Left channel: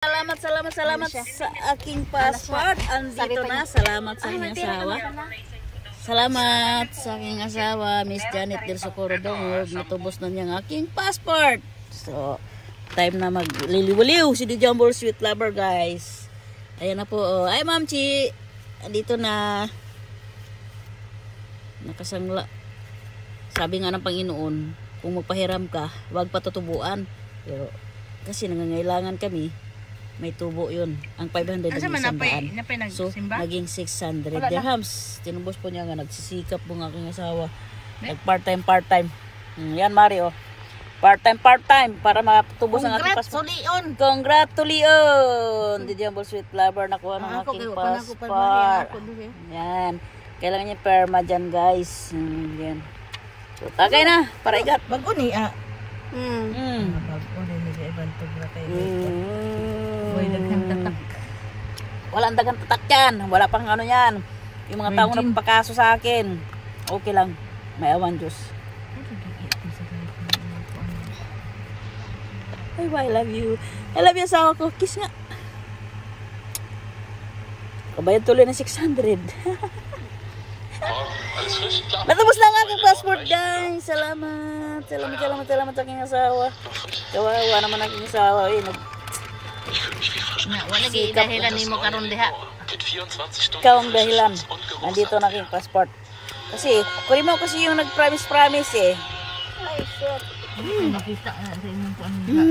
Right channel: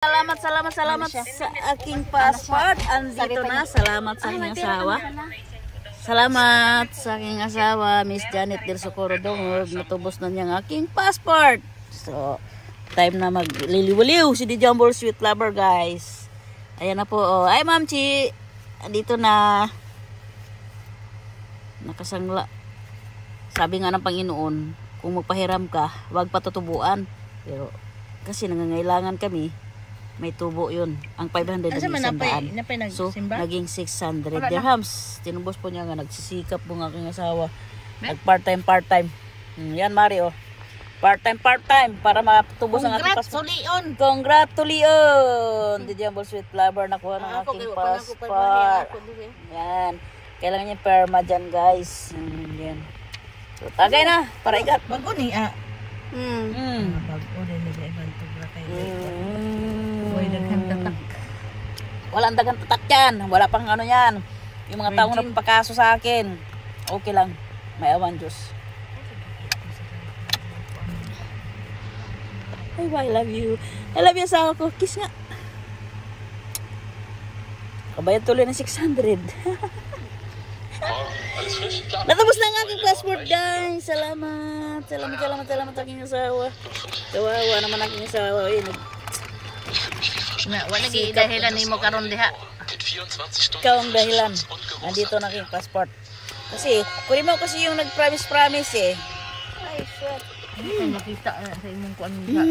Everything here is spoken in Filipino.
Salamat sa aking passport. Andito na. Salamat sa aking asawa. Salamat sa aking asawa, Miss Janet Del Socorro Dongog. Natubos na niyang aking passport. So, time na magliliwaliw si DJ Jumbo Sweet Lover, guys. Ayan na po. Oh. Ay, Ma'am Chi. Andito na. Nakasangla. Sabi nga ng Panginoon, kung magpahiram ka, huwag patutubuan. Pero, kasi nangangailangan kami, may tubo yun. Ang 500 ang isang so, naging 600 dirhams. Tinubos po niya nga, nagsisikap po ng aking asawa. Nag-part-time. Yan, Mario. Part-time. Para matubos ang aking passport. Congratulations! Did you have a sweet lover? Nakuha ng aking passport. Yan. Kailangan niya perma dyan, guys. Yan. Tagay na. Para ikat. Bago ni, Walang dagang tatak yan. Wala pang ano yan. Yung mga taong nagpakaso sa akin. Okay lang. May awan Diyos. Ay, I love you. I love you asawa ko. Kiss nga. Kabayad tuloy na 600. Natubos lang aking passport, guys. Salamat sa aking asawa. Kawawa naman aking asawa. wala di dahilan ni mo karon diha. Ikaw ang dahilan. Nandito na aking passport. Kasi, kuri mo kasi yung nag-promise eh. Ay, shit. Makita sa imong kuan diha.